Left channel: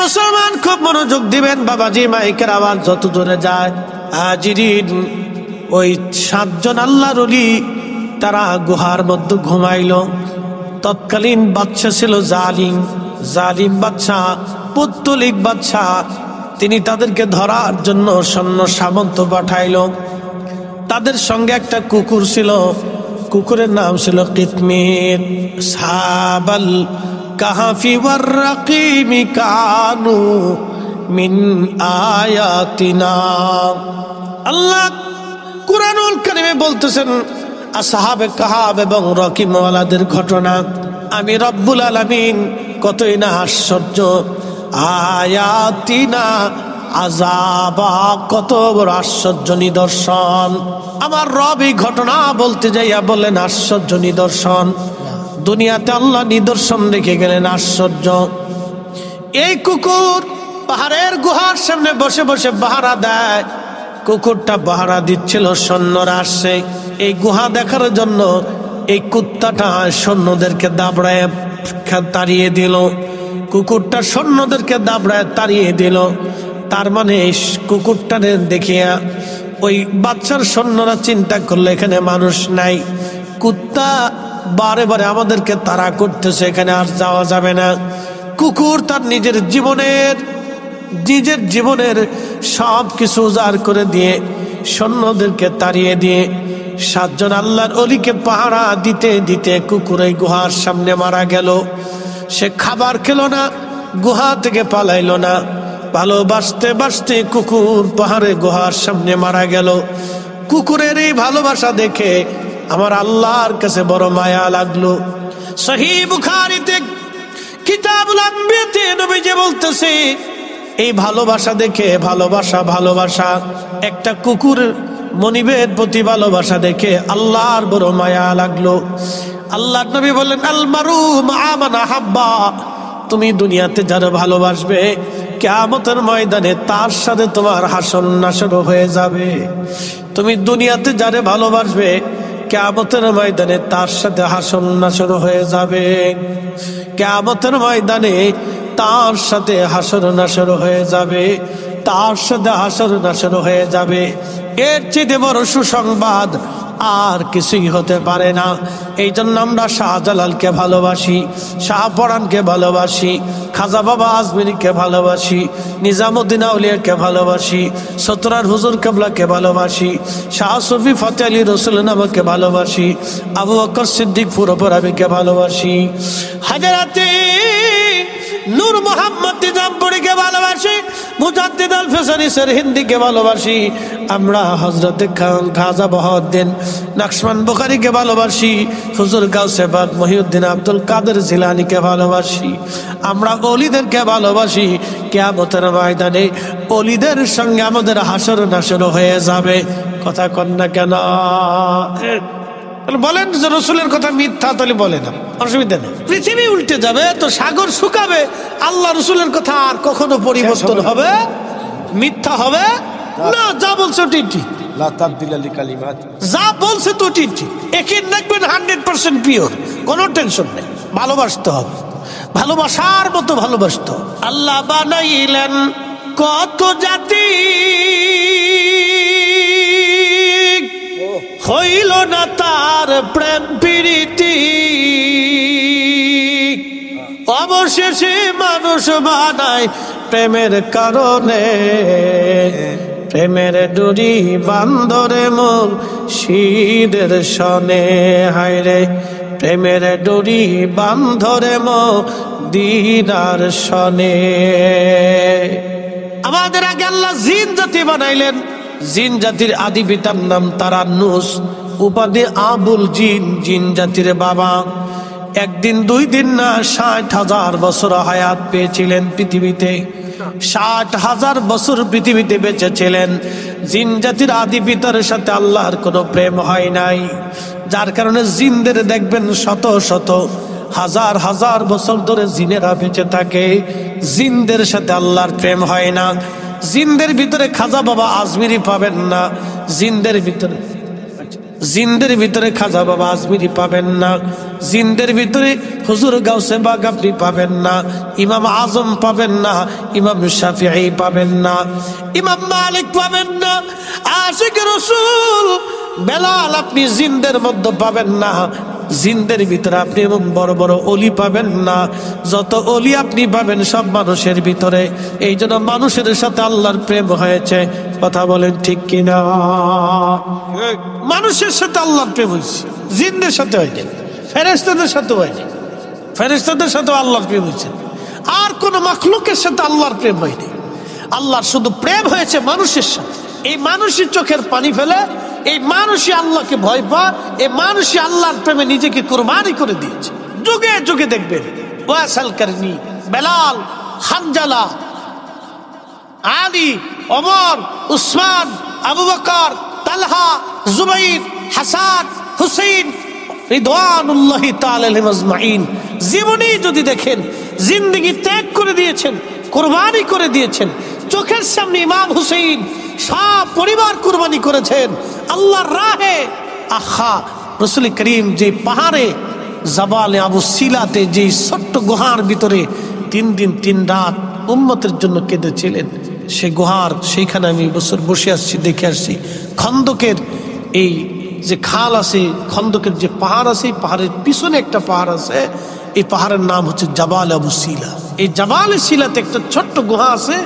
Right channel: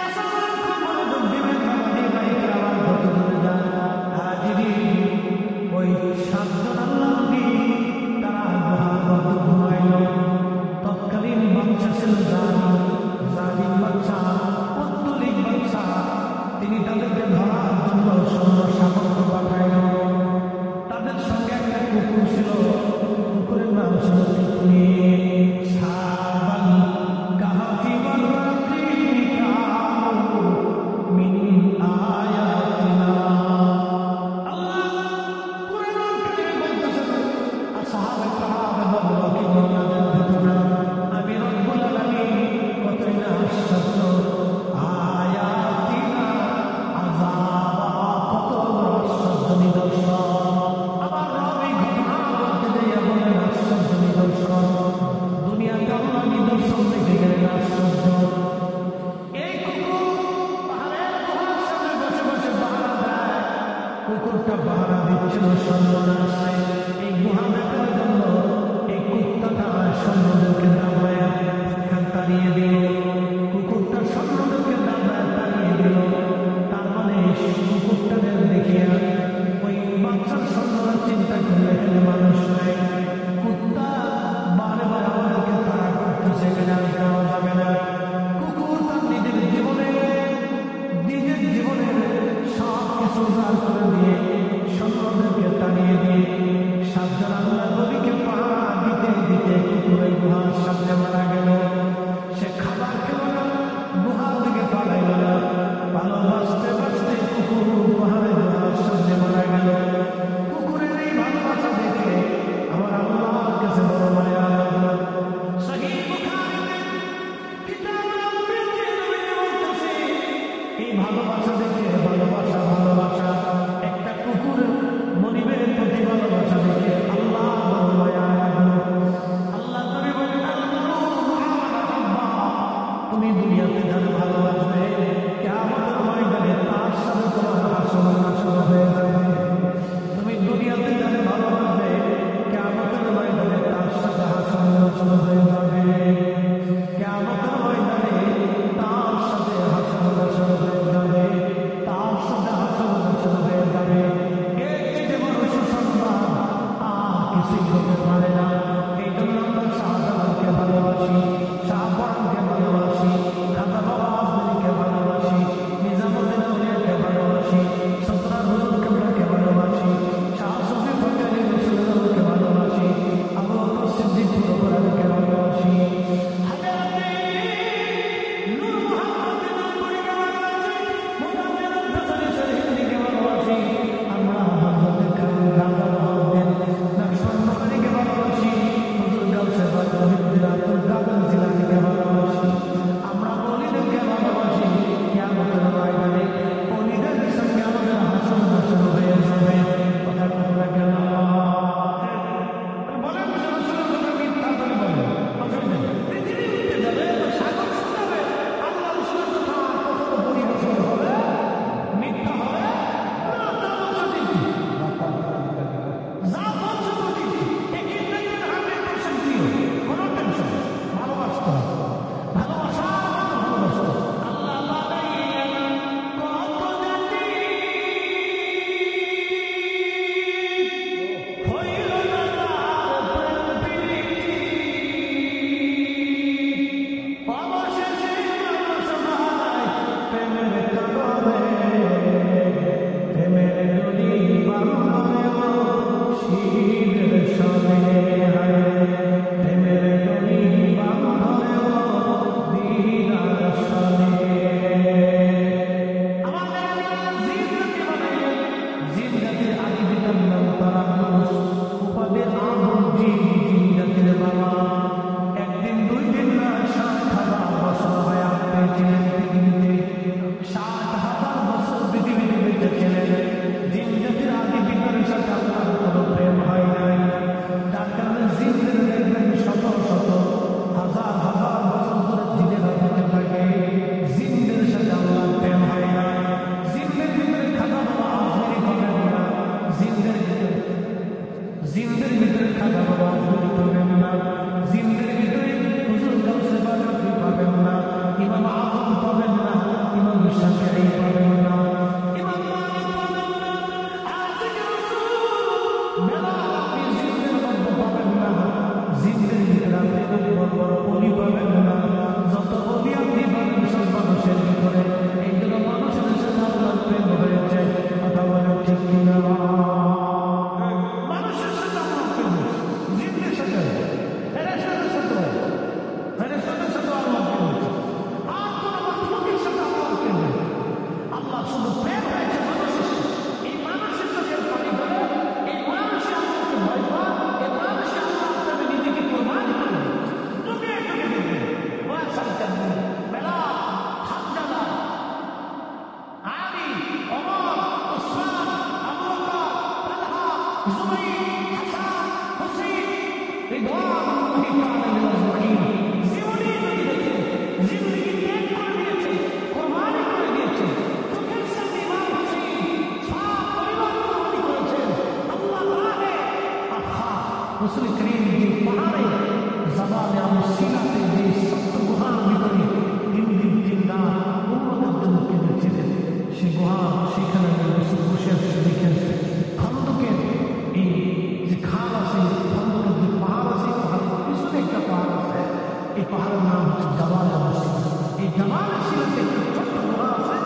মুসলমান খুব মনোযোগ দিবেন বাবাজি, মাইকের আওয়াজ যত দূরে যায়। হাজিরিন, ওই 7 জন আল্লাহর ওলি তারা গুহার মধ্যে ঘুমাইল। তৎকালীন বাদশা ছিল জালিম বাদশা, পুত্তলিক বাদশা। তিনি তাদেরকে ধরার জন্য সৈন্য সামন্ত পাঠাইল। তাদের সঙ্গে একটা কুকুর ছিল, কুকুরের নাম ছিল কিতমির। সাবাল কাহাফি ওয়ার রাকিমি কানু মিন আয়াতিনা। আল্লাহ কুরআনুল কারীমে বলতেছেন আসহাবে কাহাফ এবং রকিমওয়ালাদের ঘটনা। আমি রব্বুল আলামিন কতই না আশ্চর্য, আয়াতিনা আযাবা, কত বড় আশ্চর্য নিদর্শন। আমার রব এই ঘটনা বলতে যাইয়া বললেন আশ্চর্য নিদর্শন। দুনিয়াতে আল্লাহ নিদর্শন রেখে গেলেন আশ্চর্য। এই কুকুর পাহাড়ের গুহার সামনে বসে বসে পাহারা দেয়। কুকুরটা পাহারা দিচ্ছিল, সৈন্যরা আসছে এই গুহা দেখার জন্য। এই কুত্তাটা সৈন্যদেরকে দাবড়ায় তাড়িয়ে দিল। কুকুরটা সৈন্যদেরকে দাবড়ায় তাড়িয়ে দিল। তার মানে কুকুরটারে দেখিয়া ওই বাচ্চার সৈন্যরা চিন্তা করলো এখানে মানুষ নাই, কুত্তা বারে বারে আমাদেরকে তাড়া করতেছে, এখানে আর যাওয়া যাবে না। কুকুর তার নিজের জীবনের সব কিছু উজাড় করে দিয়ে সৈন্যদেরকে তাড়িয়ে দিয়ে 7 জন আল্লাহর ওলিকে পাহারা দিতে দিতে কুকুর এই গুহার সামনে মারা গেল। সে খাবার খেলো না, গুহা থেকে পালাইলো না। ভালোবাসতে বাসতে কুকুর পাহাড়ে গুহার সামনে মারা গেল। কুকুরের এই ভালোবাসা দেখে আমার আল্লাহর কাছে বড় মায়া লাগলো। সহিহ বুখারীতে কিতাবুল আম্বিয়াতে নবীজি বলতেছে এই ভালোবাসা দেখে, ভালোবাসা একটা কুকুর মনিবের প্রতি ভালোবাসা দেখে আল্লাহর বড় মায়া লাগলো। আল্লাহর নবী বললেন আল মারু মা মান আহাব্বা, তুমি দুনিয়াতে যারা ভালোবাসবে কিয়ামতের ময়দানে তার সাথে তোমার হাসর নাসর হয়ে যাবে। তুমি দুনিয়াতে যারা ভালোবাসবে কিয়ামতের ময়দানে তার সাথে হাসর নাসর হয়ে যাবে। কিয়ামতের ময়দানে তার সাথে হাসর নাসর হয়ে যাবে, তার সাথে হাসর নাসর হয়ে যাবে। এর চেয়ে বড় সুসংবাদ আর কিছুই হতে পারে না। এই জন্য আমরা শাহজালালকে ভালোবাসি, শাহপরানকে ভালোবাসি, খাজা বাবা আজমিরিকে ভালোবাসি, নিজামুদ্দিন আউলিয়াকে ভালোবাসি, সতরার হুজুর কেবলাকে ভালোবাসি, শাহ সুফি ফতে আলী রসুল নামকে ভালোবাসি, আবু বকর সিদ্দিক পুরোপরাবিকে ভালোবাসি, হাজারাতে নূর মোহাম্মদ নিজামপুরীকে ভালোবাসি, মুজাদ্দিদ আল ফেসানি হিন্দিকে ভালোবাসি। আমরা হযরতে খাজা বহাউদ্দিন নকশবন্দ বুখারীকে ভালোবাসি, হুজুর গাউসে পাক মহিউদ্দিন আব্দুল কাদের জিলানীকে ভালোবাসি। আমরা ওলিদেরকে ভালোবাসি। কিয়ামতের ময়দানে ওলিদের সঙ্গে আমাদের হাসর নাসর হয়ে যাবে। কথা কন না কেন? বলেন যে রসুলের কথা মিথ্যা, তাহলে বলে না, অসুবিধা নেই। পৃথিবী উল্টে যাবে তো সাগর শুকাবে, আল্লাহ রসুলের কথা আর কখনো পরিবর্তন হবে? মিথ্যা হবে না। যা বলছে ঠিক ঠিক, যা বলছে তো ঠিক ঠিক। একে দেখবেন 100% পিওর, কোনো টেনশন নেই। ভালোবাসতে হবে, ভালোবাসার মতো ভালোবাসতে হবে। আল্লাহ বানাইলেন কত জাতি, হইল না তার প্রেম প্রীতি, অবশেষে মানুষ বানায় প্রেমের কারণে। প্রেমের ডুরি বান্দরে মোর শীদের সনে, হায়রে প্রেমের ডুরি বান্ধরে মোর দিনার সনে। আমাদের আগে আল্লাহ জিন জাতি বানাইলেন। জিন জাতির আদি পিতার নাম তারান্নুস, উপাধি আবুল জিন, জিন জাতির বাবা। একদিন 2 দিন না 60,000 বছর হায়াত পেয়েছিলেন পৃথিবীতে। 60,000 বছর পৃথিবীতে বেঁচে ছিলেন। জিন জাতির আদি পিতার সাথে আল্লাহর কোনো প্রেম হয় নাই, যার কারণে জিনদের দেখবেন শত শত হাজার হাজার বছর ধরে জিনেরা বেঁচে থাকে। জিনদের সাথে আল্লাহর প্রেম হয় না। জিনদের ভিতরে খাজা বাবা আজমিরি পাবেন না। জিনদের ভিতরে জিন্দের ভিতরে খাজা বাবা আজমিরি পাবেন না, জিন্দের ভিতরে হুজুর গাউসে বাগ আপনি পাবেন না, ইমাম আজম পাবেন না, ইমাম শাফিঈ পাবেন না, ইমাম মালিক পাবেন না, আশিক রাসূল বেলাল আপনি জিন্দের মধ্যে পাবেন না, জিন্দের ভিতরে আপনি এবং বড় বড় অলি পাবেন না। যত অলি আপনি পাবেন সব মানুষের ভিতরে। এই জন্য মানুষের সাথে আল্লাহর প্রেম হয়েছে। কথা বলেন ঠিক কিনা? মানুষের সাথে আল্লাহর প্রেম হয়েছে, জিন্দের সাথে হয়েছে, ফেরেশতাদের সাথে হয়েছে, ফেরেশতাদের সাথে আল্লাহর প্রেম হয়েছে। আর কোন মাখলুকের সাথে আল্লাহর প্রেম হয়নি। আল্লাহর শুধু প্রেম হয়েছে মানুষের সাথে। এই মানুষের চোখের পানি ফেলে, এই মানুষই আল্লাহকে ভয় পায়, এই মানুষই আল্লাহর প্রেমে নিজেকে কুরবানি করে দিয়েছে। যুগে যুগে দেখবেন ওয়াসাল কারনি, বেলাল, হানজালা, আলী, ওমর, উসমান, আবু বকর, তালহা, জুবাইর, হাসান, হুসাইন রিদওয়ানুল্লাহি তাআলা আলাইহিম আজমাইন জীবনী যদি দেখেন, জিন্দেগি ত্যাগ করে দিয়েছেন, কুরবানি করে দিয়েছেন। চোখের সামনে ইমাম হুসাইন সব পরিবার কুরবানি করেছেন আল্লাহর রাহে। আহা, রাসূল করিম যে পাহাড়ে জাবালে আবু সিলাতে যে ছোট্ট গুহার ভিতরে 3 দিন 3 রাত উম্মতের জন্য কেঁদেছিলেন, সে গুহার সেইখানে আমি বছর বসে আসছি, দেখে আসছি। খন্দকের এই যে খাল আছে, খন্দকের যে পাহাড় আছে, এই পাহাড়ের পিছনে একটা পাহাড় আছে, এই পাহাড়ের নাম হচ্ছে জাবাল আবু সিলা। এই জাবাল সিলাতে একটা ছোট্ট গুহা আছে,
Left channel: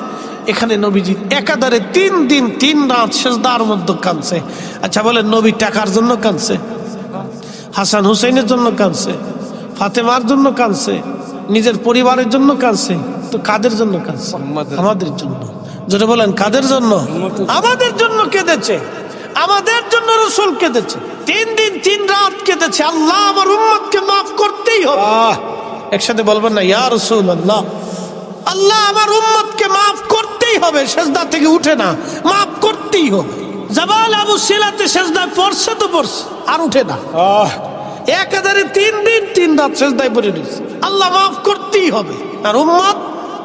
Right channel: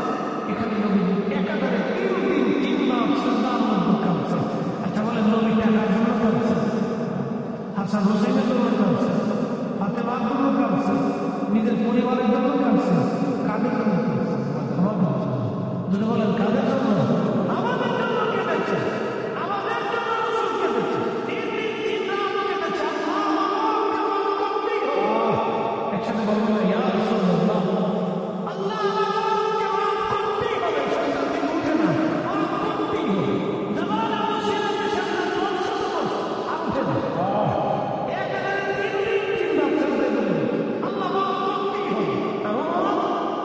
এখানে নবীজি একাধারে 3 দিন 3 রাত সেজদার মধ্যে কাঁদছে। আচ্ছা বলেন, নবী টাকার জন্য কাঁদছে? হাসান হুসাইনের জন্য কাঁদছে? ফাতেমার জন্য কাঁদছে? নিজের পরিবারের জন্য কাঁদছে? তো কাদের জন্য কাঁদছে? আমাদের জন্য। যেটা বলেন কাদের জন্য? আমাদের জন্য কেঁদেছে, আমাদের জন্য রাসূল কেঁদেছে। 3 দিন 3 রাত কেঁদেছে, আল্লাহ আমার উম্মতকে মাফ করতেই হবে। একসাথে বলবেন না, ইয়া রাসূলুল্লাহ, আল্লাহ আমার উম্মতকে মাফ করতেই হবে। সেজদা থেকে উঠে না, মাফ করতেই হবে। জাবাল আবু সিলাতে সেজদায় পড়ছে তো পড়ছে, আর উঠে না। একাধারে 3 দিন 3 রাত সেজদায় পড়ে রয়েছে, আল্লাহ মাফ করতেই হবে। আর উম্মত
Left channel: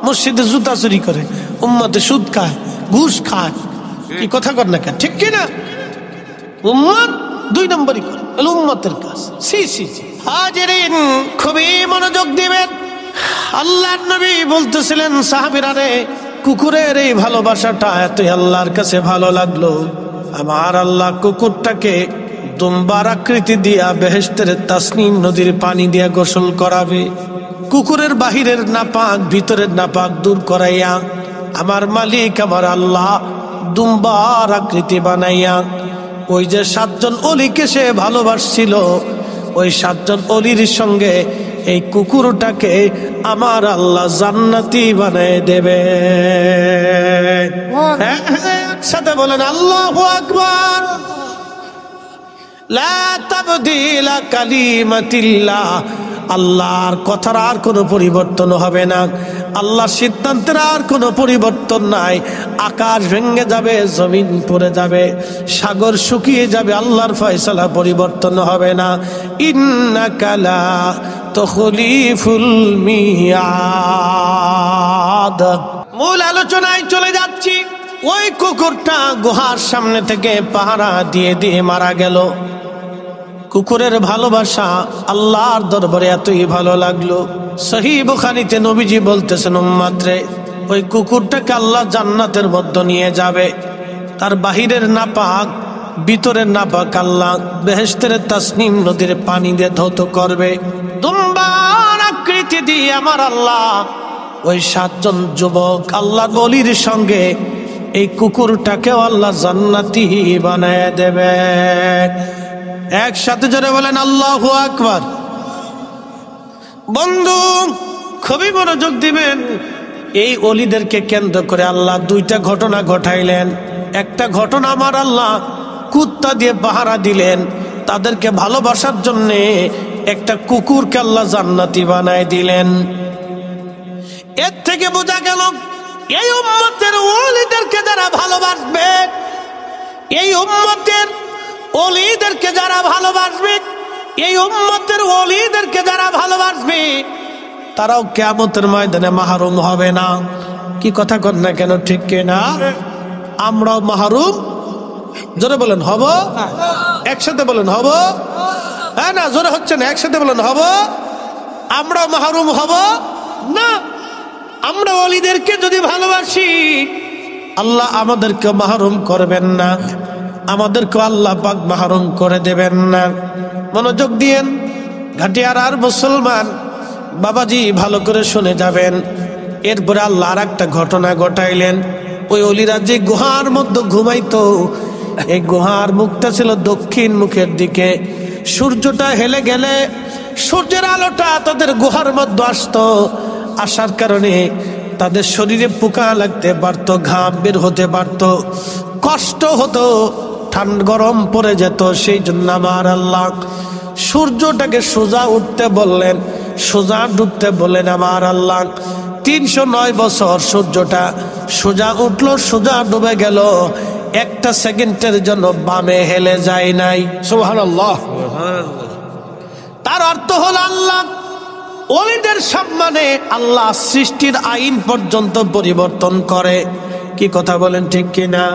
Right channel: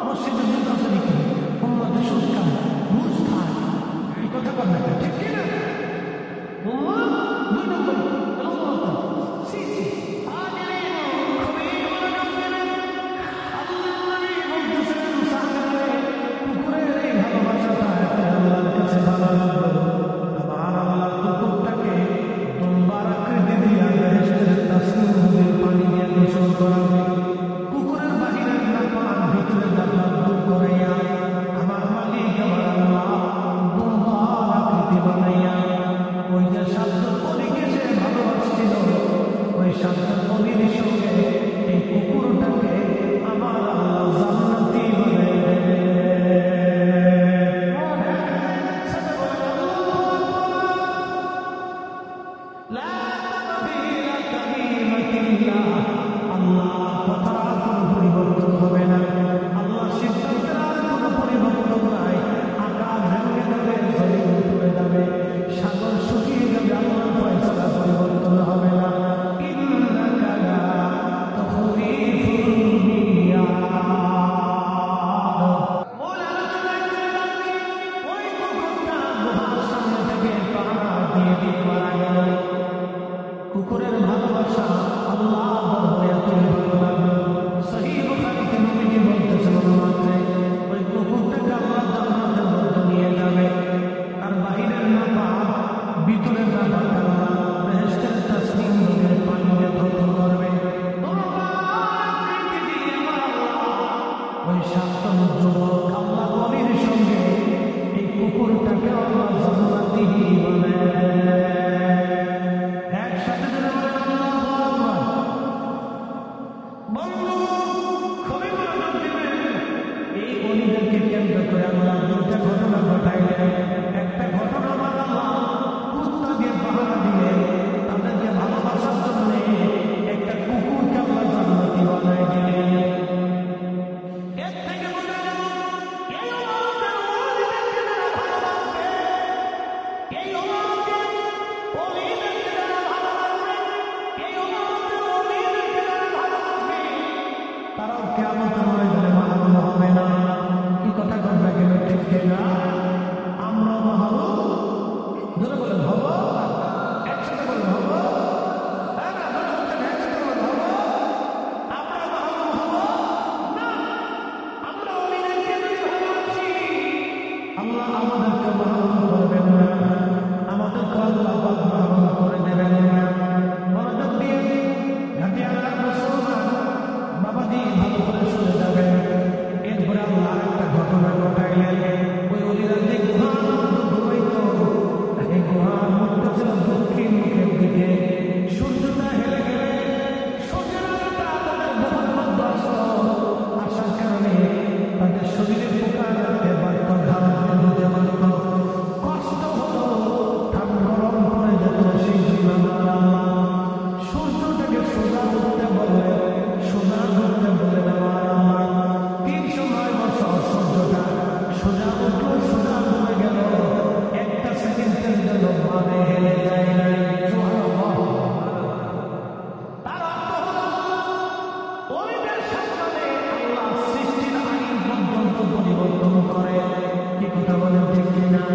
মসজিদে জুতা চুরি করে, উম্মতে সুদ খায়, ঘুষ খায়, কি কথা কর না কেন, ঠিক কিনা? উম্মত 2 নম্বরই করে উম্মতের কাজ। সি সি হাজিরিন, খুবই মনোযোগ দিবেন। আল্লাহর নবী বলতেছিলেন, সাহাবীরা রে, কুকুরের এই ভালোবাসাটা এতই আল্লাহর কাছে ভালো লাগলো, আমার আল্লাহ কুকুরটাকে দুম্বার আকৃতি দিয়া বেহেশতের তাসনিম নদীর পানি দিয়া গোসল করাবে। কুকুরের বাহিরের নাপাক ভিতরের নাপাক দূর করাইয়া আমার মালিক আমার আল্লাহ দুম্বার আকৃতি বানাইয়া ওই যে 7 জন অলিকে সে ভালোবাসছিল, ওই 7 জন অলির সঙ্গে এই কুকুরটাকে আমার আল্লাহ জান্নাতি বানিয়ে দেবে। সাথে বলেন আল্লাহু আকবার। লা তাবদীলা কালিমাতিল্লাহ, আল্লাহর কথার আর কোনো পরিবর্তন হবে না, আল্লাহর সিদ্ধান্তের আর কোনো পরিবর্তন নাই। আকাশ ভেঙে যাবে, জমিন পড়ে যাবে, সাগর শুকিয়ে যাবে, আল্লাহর ফয়সালা পরিবর্তন হবে না। ইন্নাকা লা তুখলিফুল মিয়াদ। মূল আলোচনায় চলে যাচ্ছি। ওই কুকুরটা গুহার সামনে থেকে পাহারা দিয়ে দিয়ে মারা গেল। কুকুরের ভালোবাসা আল্লাহর দরবারে এতই ভালো লাগলো, সহিহ বুখারীতে নবীজি বলতেছেন, উম্মতরে, ওই কুকুরটাকে আল্লাহ জান্নাতের মধ্যে নিয়ে যাবে। তার বাহিরের নাপাক ভিতরের নাপাক আল্লাহ বেহেশতের তাসনিম নদীর পানি দিয়ে ধৌত করবে। দুম্বার আকৃতি দিয়ে আমার আল্লাহ ওই 7 জন যুবক আল্লাহর ওলির সঙ্গে এই কুকুরটাকেও আল্লাহ জান্নাতি বানায় দেবে। একসাথে জোরে বলেন আল্লাহু আকবার। বন্ধু, খুবই মনোযোগ দিবেন। এই অলিদেরকে কেন্দ্র করে আল্লাহ 2টা ঘটনা ঘটাইলেন। একটা ঘটনা আমার আল্লাহ কুত্তা দিয়ে পাহারা দিলেন, তাদেরকে ভালোবাসার জন্য একটা কুকুরকে আল্লাহ জান্নাতি বানায় দিলেন। এর থেকে বোঝা গেল, এই উম্মতের ওলিদেরকে যারা ভালোবাসবে, এই উম্মতের ওলিদেরকে যারা ভালোবাসবে, এই উম্মতের ওলিদেরকে যারা ভালোবাসবে, তারাও কিয়ামতের ময়দানে মাহরুম হবে না। কি কথা কর না কেন, ঠিক কিনা? আমরাও মাহরুম, জোরে বলেন, হব। একসাথে বলেন হব। হ্যাঁ না, জোরে হচ্ছে না, একসাথে বলেন হব। আমরা মাহরুম হব না। আমরা ওলিদেরকে যদি ভালোবাসি, আল্লাহ আমাদেরকে মাহরুম করবেন না, আমাদেরকে আল্লাহ পাক মাহরুম করে দেবেন না। মনোযোগ দিয়েন ঘাটিয়ার আর মুসলমান বাবাজি, ভালো করে শুনে যাবেন। এরপরে আল্লাহ আর একটা ঘটনা ঘটাইলেন। ওই অলিরা যে গুহার মধ্যে ঘুমাইতো, এই গুহার মুখটা ছিল দক্ষিণ মুখের দিকে। সূর্যটা হেলে গেলে সূর্যের আলোটা তাদের গুহার মধ্যে আসতো। আসার কারণে তাদের শরীরে পোকা লাগতে পারতো, ঘাম বের হতে পারতো, কষ্ট হতো, ঠান্ডা গরম পড়ে যেত। সেই জন্য আমার আল্লাহ সূর্যটাকে সোজা উঠতে বললেন, সোজা ডুবতে বললেন। আমার আল্লাহ 309 বছর সূর্যটা সোজা উঠলো, সোজা ডুবে গেল, একটা সেকেন্ডের জন্য বামে হেলে যায় নাই। সুবহানাল্লাহ। তার অর্থ হলো আল্লাহ ওলিদের সম্মানে আল্লাহ সৃষ্টির আইন পর্যন্ত পরিবর্তন করে। কি কথা বলেন, ঠিক কিনা?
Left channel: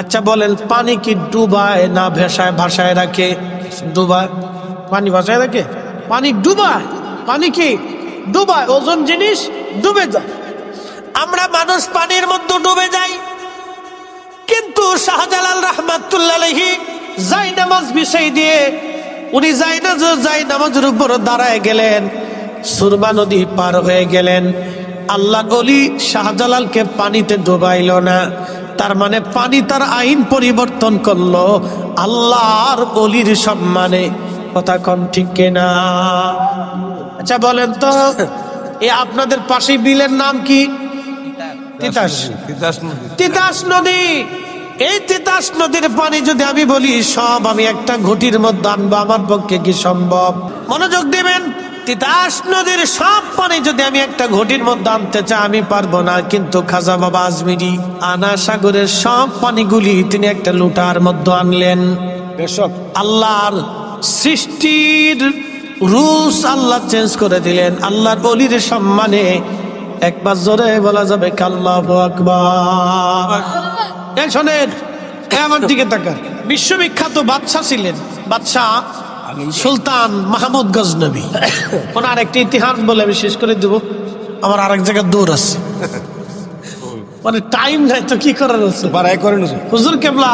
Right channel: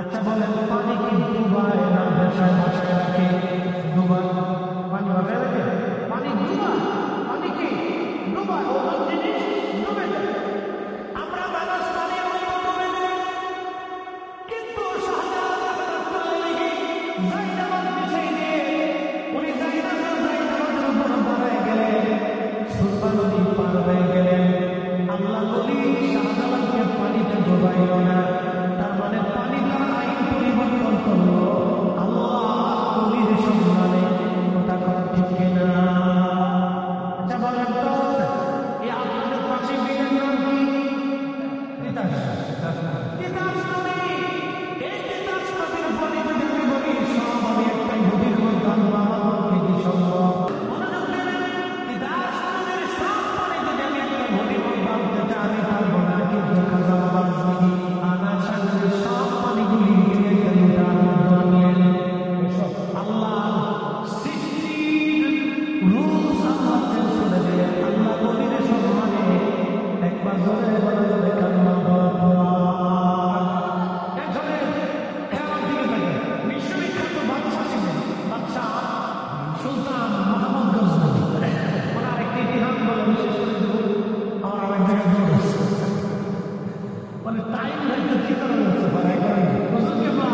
আচ্ছা বলেন, পানি কি ডুবায় না ভাসায় রাখে? ডুবায়। পানি ভাসায় রাখে? পানি ডুবায়। পানি কি ডুবায়? ওজন জিনিস ডুবে যায়। আমরা মানুষ পানির মধ্যে ডুবে যাই। কিন্তু শাহজালাল রাহমাতুল্লাহ আলাইহি জায়নামাজ বিছাই দিয়ে উনি জায়নামাজের উপর দাঁড়ায় গেলেন, সুরমা নদী পার হয়ে গেলেন। আল্লাহ গলি শাহজালালকে পানিতে ডুবাইল না। তার মানে পানি তার আইন পরিবর্তন করলো আল্লাহর গলির সম্মানে। কথা কোন ঠিক কিনা? আচ্ছা বলেন তো, আপনাদের পাশে বিলের নাম কি? তিতাস নদী। এই তিতাস নদীর পানি যদি আমি বলি সব আমি একটা ঘটির মধ্যে আনবো, আমার পক্ষে কি সম্ভব? মনোযোগ দিবেন। তিতাস নদীর সব পানি যদি আমি একটা ঘটির মধ্যে আনতে চাই, আমি পারবো না। কিন্তু খাজা বাবা আজমিরি আনা সাগরের সব পানিগুলি তিনি একটা লুটার মধ্যে আনলেন। আল্লাহর সৃষ্টির রুলস আল্লাহ চেঞ্জ করে দিলেন আল্লাহর ওলির সম্মানে। একবার জোরে বলা যাবে আল্লাহু আকবার। শোনেন, আমার দিকে তাকান। বিশ্ববিখ্যাত বাদশা ছিলেন, বাদশা সুলতান মাহমুদ গজনবী। ওনার একটা ইতিহাস বলে আমি শেষ করে দেবো, আমার আরেক জায়গায় দৌড় আছে, মানে টাইম নাই তো কি করার আছে। হুজুর কেবলা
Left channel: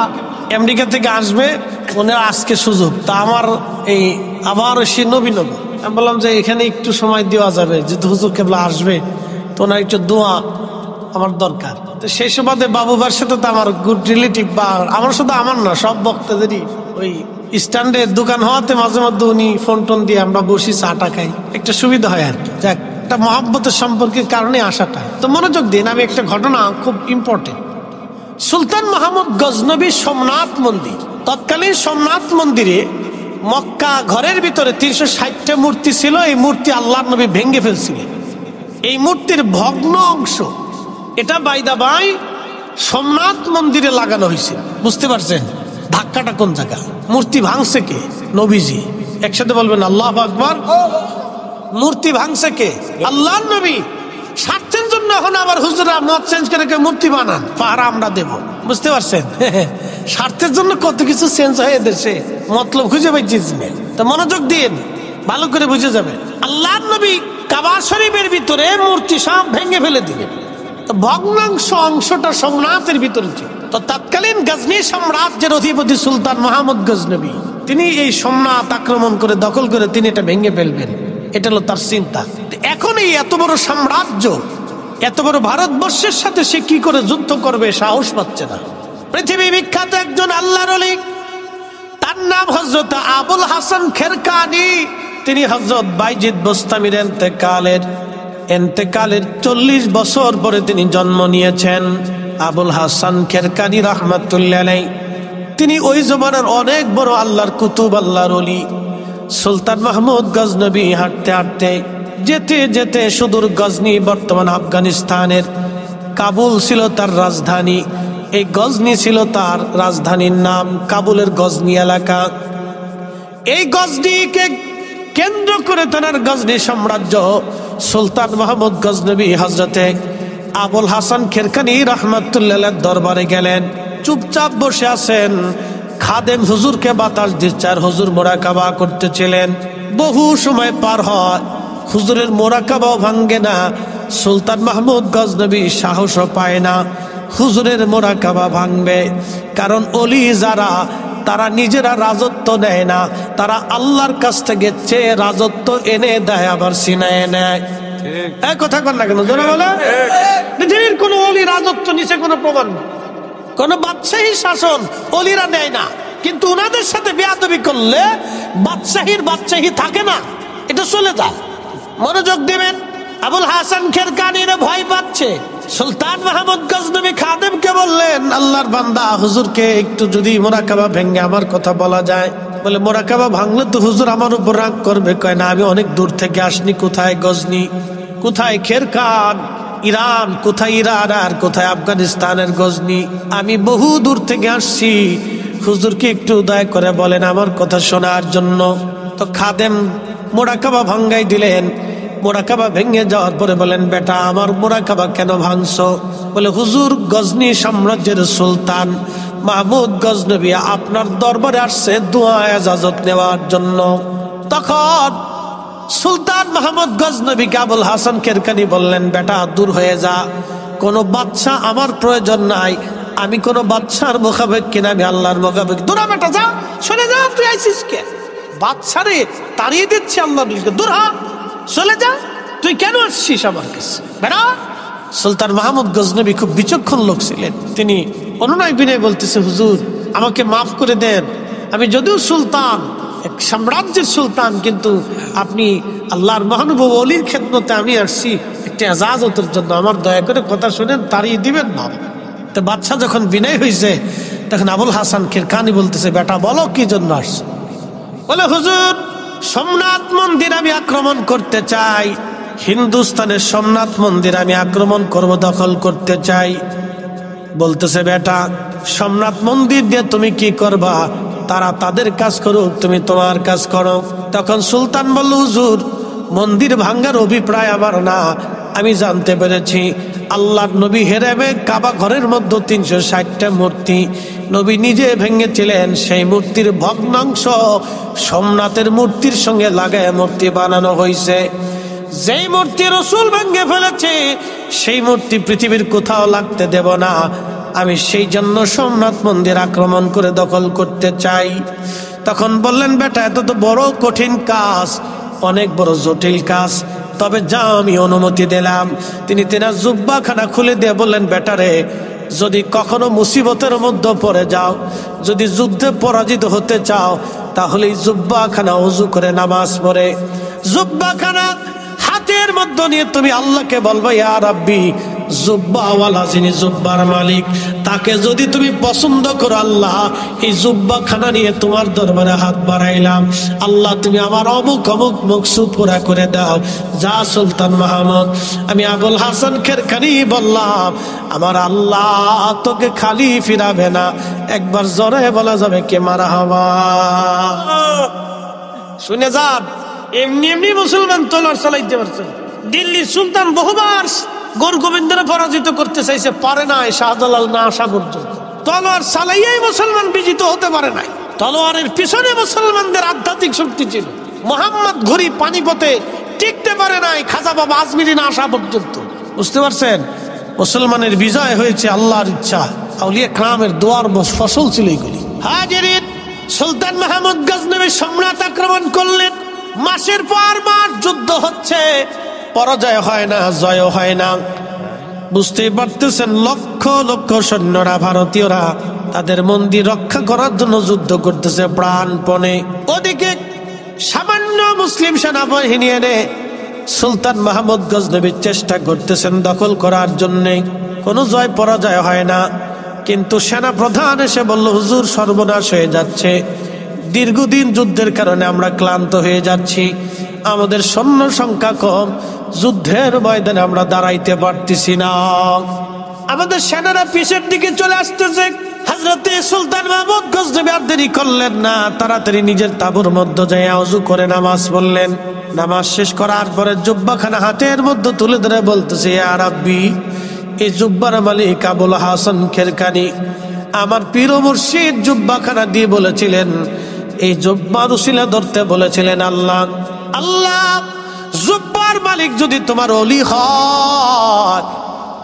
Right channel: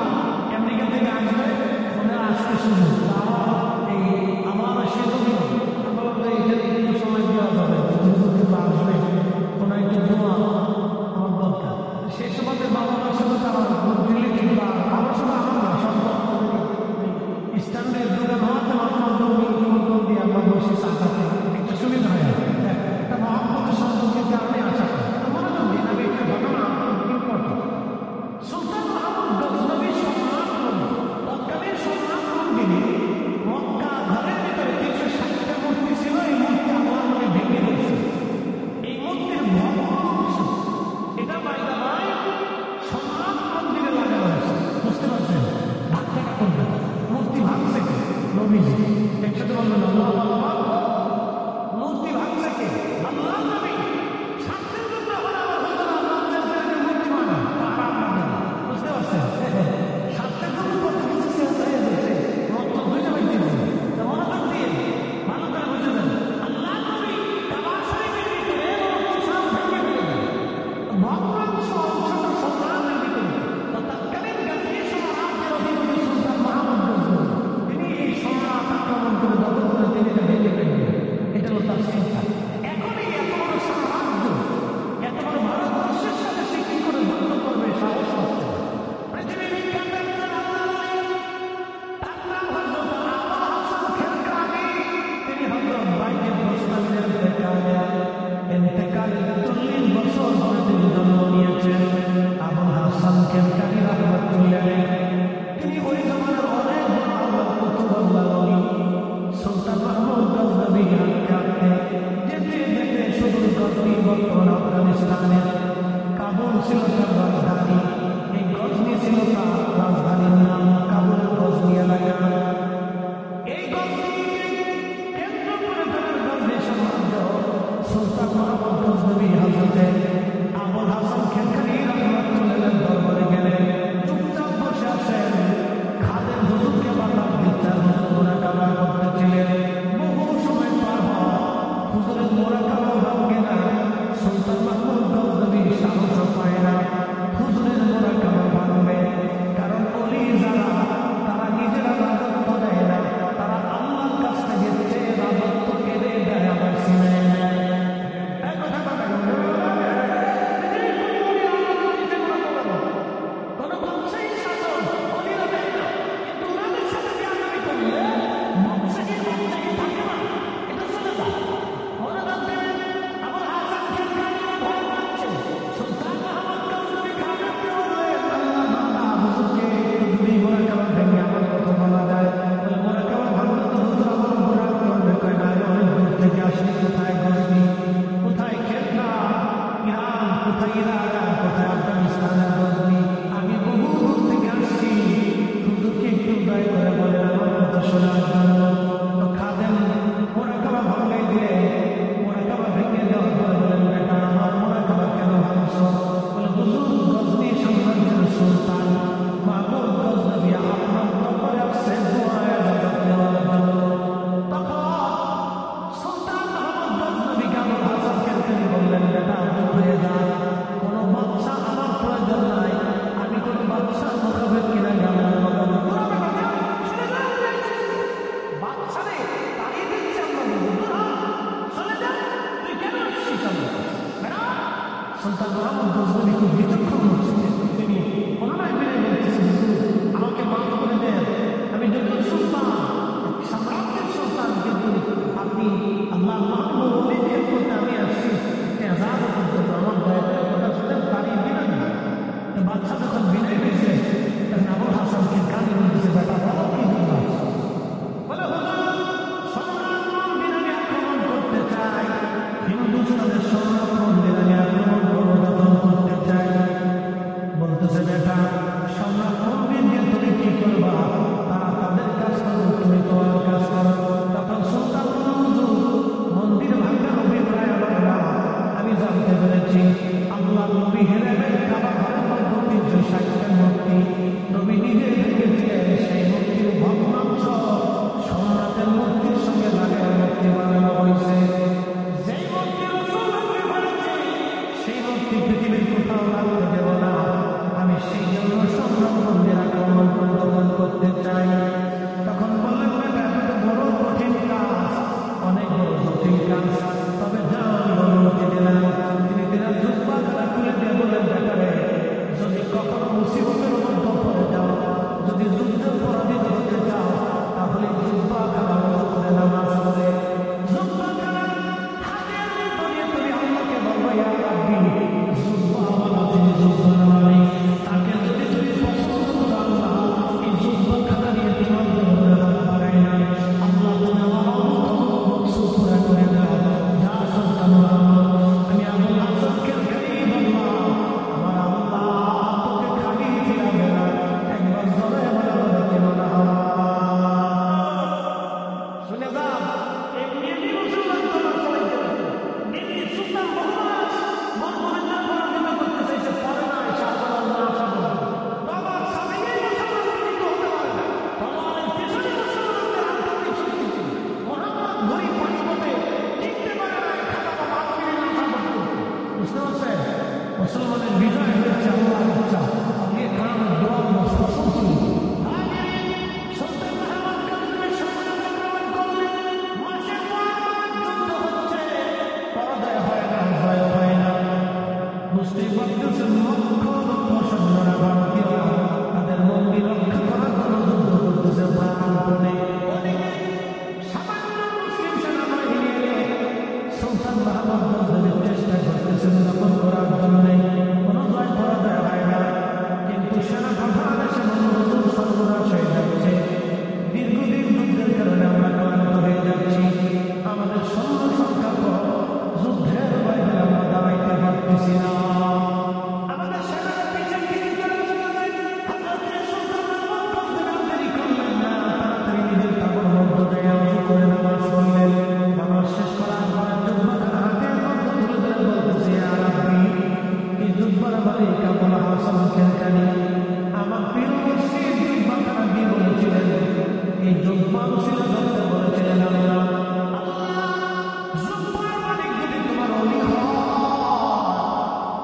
আমেরিকা থেকে আসবে, ওনার আজকে সুযোগ। তা আমার এই আবার সে নবীন, আমি বললাম যে এখানে একটু সময় দেওয়া যাবে, যেহেতু হুজুর কেবলা আসবে, তো ওনার একটু দোয়া আমার দরকার। তো সেই সুবাদে বাবুবার সাথে তো আমার গুড রিলেটিভ, বা আমার শুধু আমার না, সব বক্তাদেরই ওই স্ট্যান্ডের দোকান হওয়াতে মাঝে মধ্যে উনি ফোন টোন দিয়ে আমরা বসি, চাটা খাই, একটা সুবিধা হয় আর কি। যাক, একটা মহব্বতের সম্পর্কের কারণে আসাটা। তো মনোযোগ দিন, আমি একটা ঘটনা খুব ইম্পর্টেন্ট। সুলতান মাহমুদ গজনবী সোমনাথ মন্দির, তৎকালীন সোমনাথ মন্দিরে মক্কা ঘরের ভিতরে 360টা মূর্তি ছিল। এই মূর্তি আল্লাহর নবী ভেঙে ফেলছিলেন। এই মূর্তির ভগ্ন অংশ এটা বাইদা বাই সোমনাথ মন্দিরে লাগানো হয়েছে। বুঝতে পারছেন ধাক্কাটা কোন জায়গা? মূর্তি ভাঙছে কে? নবীজি। একসাথে বলবেন আল্লাহু আকবার। মূর্তি ভাঙছে কে? আল্লাহর নবী। স্বার্থের জন্য এখন আবার হুজুরা মত চেঞ্জ করে মূর্তি বানান, পাহারা আমরা দেব। বুঝতে পারছেন? স্বার্থের জন্য কত কিছু চেঞ্জ হয়ে দেশে, মতলব খুঁজে পাইছি। তা মনোযোগ দিন, ভালো করে বুঝে যাবে। আল্লাহর নবী কাবা শরীফের ভিতরে মূর্তি সব ভেঙে ফেলে দিলেন। ভগ্নাংশ অংশটা সোমনাথের ভিতরে ছিল। তো তৎকালীন গজনী সাম্রাজ্যের অধিপতি সুলতান মাহমুদ গজনবী তিনি এই সোমনাথ আক্রমণ করে দখল করে তিনি এটা ভেঙে ফেলবেন, এটা হলো তার চিন্তা। এখন এই এত বড় সাম্রাজ্য, এত বড় ভারতবর্ষের সাথে সে কি করে যুদ্ধ করবে সাহস পাচ্ছে না। পৃথিবী বিখ্যাত একজন আল্লাহর ওলি, তার নাম হযরত আবুল হাসান খেরকানি। তিনি হযরত বাইজিদ বোস্তামির এন্তেকালের 40 বছর পরে তিনি জন্ম নিয়েছেন। আবুল হাসান খেরকানি রাহমাতুল্লাহ আলাইহি তিনি ওই জমানার অনেক বড় আল্লাহর কুতুব, আল্লাহর ওলি। সুলতান মাহমুদ গজনবী হাঁটতে হাঁটতে যেতে যেতে সুদূর গজনি, বর্তমান আফগানিস্তানের কাবুল ছিল তার রাজধানী। এই গজনি ছিল তার রাজধানীর নাম, কাবুলের গজনি এলাকা। এই গজনিকে কেন্দ্র করে তার গজনি সাম্রাজ্য। সুলতান মাহমুদ গজনবী হজরতে আবুল হাসান খেরকানি রাহমাতুল্লাহ দরবারে গেলেন। চুপচাপ বসে আছেন, খাদেম হুজুরকে বাতাস দিচ্ছে আর হুজুর মোরাকাবা করতেছিলেন। বহু সময় পার হয়, হুজুরের মোরাকাবাও ভাঙ্গে না। সুলতান মাহমুদ গজনবী সাহসও পায় না হুজুরের মোরাকাবা ভাঙবে। কারণ অলি যারা, তারা নিজেরা রাজত্ব নেয় না, তারা আল্লাহর কাছ থেকে চেয়ে রাজত্ব এনে দেয়, আবার ছিনায় নেয়। এক কথা কর না কেন জোরে বলে? পৃথিবীর কোন অলি রাজত্ব নিচে কোনো প্রমাণ নেই, কোন বাদশাহী শাসন অলিরা নেয় না। কিন্তু ওনাদের সাথে বেয়াদবি করলে বাদশাহীর বাদশাহী থাকে না, এটা চলে যায়। মনোযোগ দিবেন। আবুল হাসান খেরকানিরা ভয় পাচ্ছে। সুলতান মাহমুদ গজনবী খাদেমকে বললেন, আল্লাহর বান্দা হুজুরকে একটু যদি মোরাকাবা ভেঙে আমার কথা বলা যায়। বলে মোরাকাবা ভাঙলে তো হুজুর আমার উপর রাগ করবে। কয় না, আমি অনেক দূর থেকে আসনি। কোথায় গজনি, কোথায় খেরকান, ইরান, কোথায় ইরান আর কোথায় আফগানিস্তানের গজনি, আমি বহু দূর থেকে আসছি। হুজুরকে একটু দয়া করে বলেন আমার কথা শোনার জন্য। তো খাদেম মোরাকাবা ভাঙ্গাই দিলেন। মোরাকাবা ভেঙে যাওয়ার পরে বলেন, বেটা আমার মোরাকাবা কেন ভাঙছো? বলে হুজুর, গজনি সাম্রাজ্যের সুলতান মাহমুদ গজনবী আপনার দরবারে আসছে দোয়া ইজাজত নেওয়ার জন্য। তখন সুলতান মাহমুদ গজনবীকে আবুল হাসান খেরকানি বললেন, বেটা দূর হয়ে যা, কোনো বাদশা আমার প্রয়োজন নাই। আমি কোনো বাদশার মোকাবেক কিনা, আমি আল্লাহর মোকাবেক। দূরা বেটা যা, চলে যা, তুই আইসিস কে? বাদশারে তাড়িয়ে দিচ্ছি আল্লাহর বলিকে, দূর হ, চলে যা, তুই কেন আসছিস আমার কাছে, বেটা। সুলতান মাহমুদ গজনবী খুব বিচক্ষণ লোক ছিলেন। তিনি অনুনয় বিনয় বলতেছে, হুজুর আমাকে মাফ করে দেন, আমি যদিও সুলতান, এক সাম্রাজ্যের সুলতান, কিন্তু আপনি আল্লাহর মহানুভব অলির খেদমতে আমি আসছি একটি এজাজতের জন্য, আমার দয়া করে কথা শুনেন, তাড়িয়ে দিবেন না। তো বাদশা যখন বিনয় হয়েছে, তখন আবুল হাসান খেরকানি বলতেছে, বেটা বলো কি জন্য আসছে? বলে হুজুর, সোমনাথ মন্দির আমি আক্রমণ করতে চাই, হিন্দুস্তানের সোমনাথ মন্দির আমি আক্রমণ করব, দখল করতে চাই। বলতেছে, বেটা সোমনাথ মন্দির দিয়ে তুমি কি করবা? তারা তাদের কাজ করুক, তুমি তোমার কাজ করো। তখন সুলতান বলল, হুজুর মন্দির ভাঙ্গার অভিপ্রায় আমার না, আমি জানতে পেরেছি আল্লাহর নবী হেরেমে কাবা ঘরের মধ্যে 360টা মূর্তি নবী নিজে ভেঙেছিলেন। সেই মূর্তির ভগ্নাংশ সোমনাথের মূর্তির সঙ্গে লাগায় মূর্তি বানানো হয়েছে। যেই মূর্তি রাসূল ভেঙে ফেলেছে, সেই মূর্তি পৃথিবীর কোথাও লাগতে দেব না। আমি সেই জন্য সোমনাথ মন্দির আক্রমণ করে দখল করতে চাই। তখন বললেন, বেটা এত তো বড় কঠিন কাজ, অনেক বড় জটিল কাজ, তবে যাও আমি অনুমতি দিলাম। তিনি তেনার জুব্বাখানা খুলে দিয়ে বললেন, বেটারে যদি কখনো মুসিবতের মধ্যে পড়ে যাও, যদি যুদ্ধে পরাজিত হতে চাও, তাহলে এই জুব্বাখানা ওযু করে নামাজ পড়ে জুব্বাখানা হাতের মধ্যে নিয়ে তুমি আল্লাহকে বলবা, ইয়া রাব্বি, জুব্বাওয়ালা যিনি জুব্বার মালিক, তাকে যদি তুমি পছন্দ করো, আল্লাহ এই জুব্বাখানা নিয়ে তোমার দরবারে হাত বাড়াইলাম, আল্লাহ তুমি আমার অমুক অমুক মকসুদ পুরা করে দাও। যা সুলতান মাহমুদ, আমি আবুল হাসান খেরকানি বললাম, আমার আল্লাহ তোকে খালি ফিরাবে না। একবার জোরে বলা যাবে কে মারহাবা? শুনে যান, এমনি এমনি মুসলমান তলোয়ার চালাইতে পারছে। দিল্লির সুলতান বহুবার গৌর গোবিন্দরা পরাজিত করতে চাইছে, পারে নাই, শাহজালাল না আসা পর্যন্ত। তলোয়ার চালাইয়াই মুসলমান বিজিত হতে পারে নাই। তলোয়ারের পিছনে মুসলমানদের আধ্যাত্মিক শক্তি ছিল। মোহাম্মদ ঘুরি পানিপথে টিকতে পারে নাই, খাজা বাবা আজমিরি না আসা পর্যন্ত। বুঝতে পারছেন? মুসলমানের বিজয় হয়েছে আল্লাহর ইচ্ছা, আউলিয়া কেরামের দোয়ার ফসল ছিল এগুলি। হাজিরিন, সুলতান মাহমুদ গজনবী সম্রাট আক্রমণ করলেন। মাসের পর মাস যুদ্ধ হচ্ছে, পরাজয় হয় না, জয় হয় না। বুঝতেই পারতেছেন, লক্ষ লক্ষ সৈন্যরা, ভারতীয়রা তাদের মন্দির রক্ষা করার জন্য যুদ্ধ করতেছে প্রাণপণে। ওদিকে সামান্য মুসলিম সেনাবাহিনী এনে সুলতান মাহমুদ গজনবীর চেষ্টা করতেছেন দখল করার জন্যে। কোনো জয় পরাজয় হয় না। কিন্তু সেনা প্রধান এসে বলল, হুজুর সর্বনাশ হয়ে যাচ্ছে, দীর্ঘদিন যুদ্ধের কারণে আমরা ক্লান্ত হয়ে যাচ্ছি, আমাদের সৈন্য সংখ্যা কম, যুদ্ধের ময়দানে আমরা দাঁড়াইতে পারতেছি না, আমাদের সেনারা পিছের দিকে চলে আসতেছে। হযরতে সুলতান মাহমুদ গজনবী আর দেরি করলেন না, তাড়াতাড়ি নিজের তাঁবুর মধ্যে যাইয়া ওযু করে নামাজ পড়লেন। নামাজ শেষ করার পরে জুব্বাখানা হাতের মধ্যে তুলে ধরে বলতেছে, ইয়া রাব্বি, এই জুব্বার মালিক আবুল হাসান খেরকানি আমার পীর ও মুর্শিদ জুব্বাখানা দিয়ে বলেছিলেন, এই জুব্বার উসিলা ধরতে বলেছিলেন, আল্লাহ আল্লাহ জুব্বার মালিক যদি তোমার ওলি হয়,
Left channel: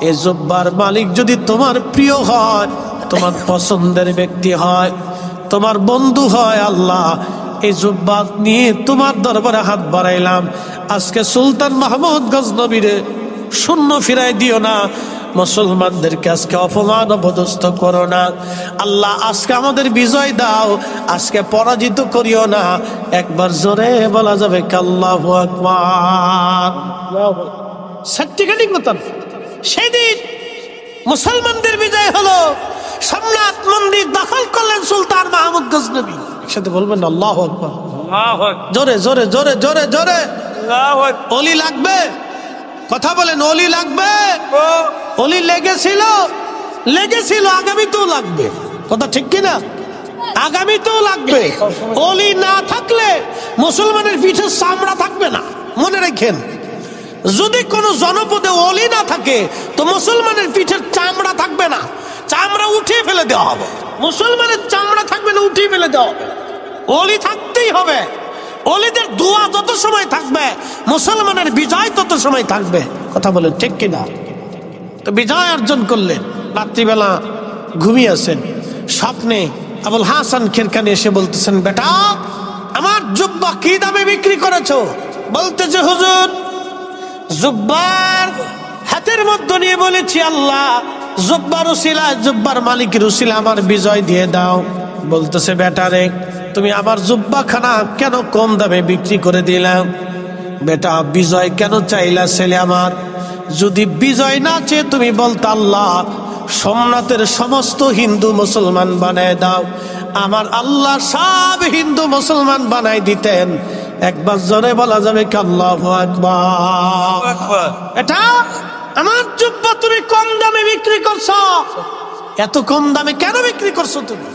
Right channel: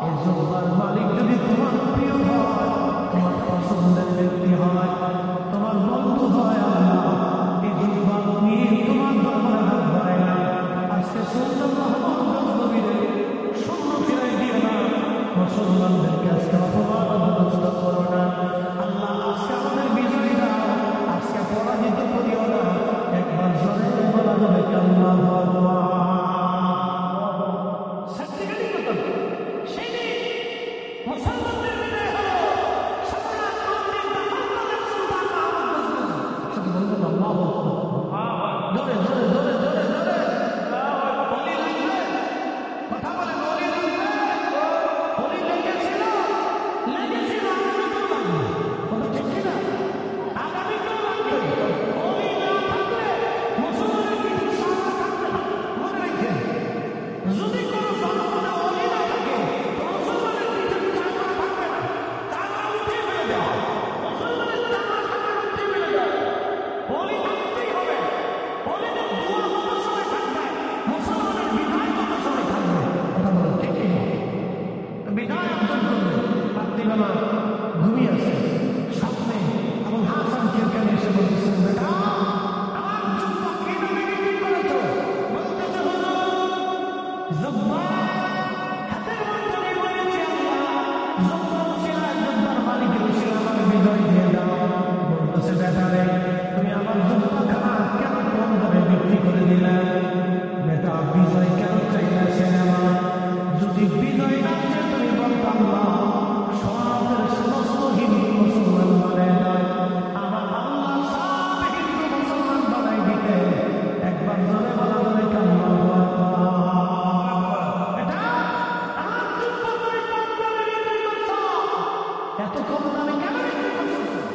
এই জুব্বার মালিক যদি তোমার প্রিয় হয়, তোমার পছন্দের ব্যক্তি হয়, তোমার বন্ধু হয়, আল্লাহ এই জুব্বার নিয়ে তোমার দরবারে হাত বাড়াইলাম। আজকে সুলতান মাহমুদ গজনবীরে শূন্য ফিরাই দিও না, মুসলমানদেরকে আজকে অপমান অপদস্থ করো না আল্লাহ। আজকে আমাদের বিজয় দাও, আজকে পরাজিত করিও না। একবার জোরে বলা যাবে আল্লাহু আকবার। সত্যিকারই কথা, সেদিন মুসলমানদের বিজয় হলো, সম্রাট মন্দির দখল করলেন সুলতান মাহমুদ গজনবী। একসাথে বলবেন আল্লাহু আকবার। জোরে জোরে জোরে জোরে জোরে। অলি লাগবে, কথা বলেন, অলি লাগবে। অলি লেগেছিল, লেগেছিল, আগামীতেও লাগবে। কথা ঠিক কিনা? আগামীতেও লাগবে। অলি না থাকলে মুসলমানের পিঠে চামড়া থাকবে না, মনে রাখেন। যদি কোনো জনপদে অলি না থাকে তো মুসলমানের পিঠের চামড়া থাকবে না, চামড়া উঠিয়ে ফেলে দেওয়া হবে। মুসলমানের চামড়া থাকবে না, উঠিয়ে ফেলে দেওয়া হবে। অলি থাকতেই হবে। অলিদের দোয়া যত সময় থাকবে মুসলমানের বিজয় তত সময় থাকবে। কথা বলেন ঠিক কিনা? তো বিজয় অর্জন করলেন। রাত্রিবেলা ঘুমিয়ে আছেন, স্বপ্নে আবুল হাসান খেরকানি এসে বলতেছেন, বেটা আমার জুব্বা কি দামে বিক্রি করেছো? বলতেছে, হুজুর জুব্বার হাতের মধ্যে নিয়ে বলেছি, আল্লাহ জুব্বার উসিলা, জুব্বার মালিকের উসিলা আমার বিজয় দিয়ে দাও। বলতেছে, বেটা রে তুমি আমার জুব্বাখানা কেন কম দামে বিক্রি করে দিলা? বেটা বিজয় কেন চাইলা ছেলে আমার? যদি বিজয় না চেয়ে তুমি বলতো আল্লাহ সোমনাথের সমস্ত হিন্দু মুসলমান বানায় দাও, আমার আল্লাহ সব হিন্দু মুসলমান বানাই দিতেন। একবার জোরে বলা যাবে কি আল্লাহু আকবার। এটা আমার জুব্বা তুমি কম দামে বিক্রি করছো। এত কম দামে কেন বিক্রি করছো তুমি?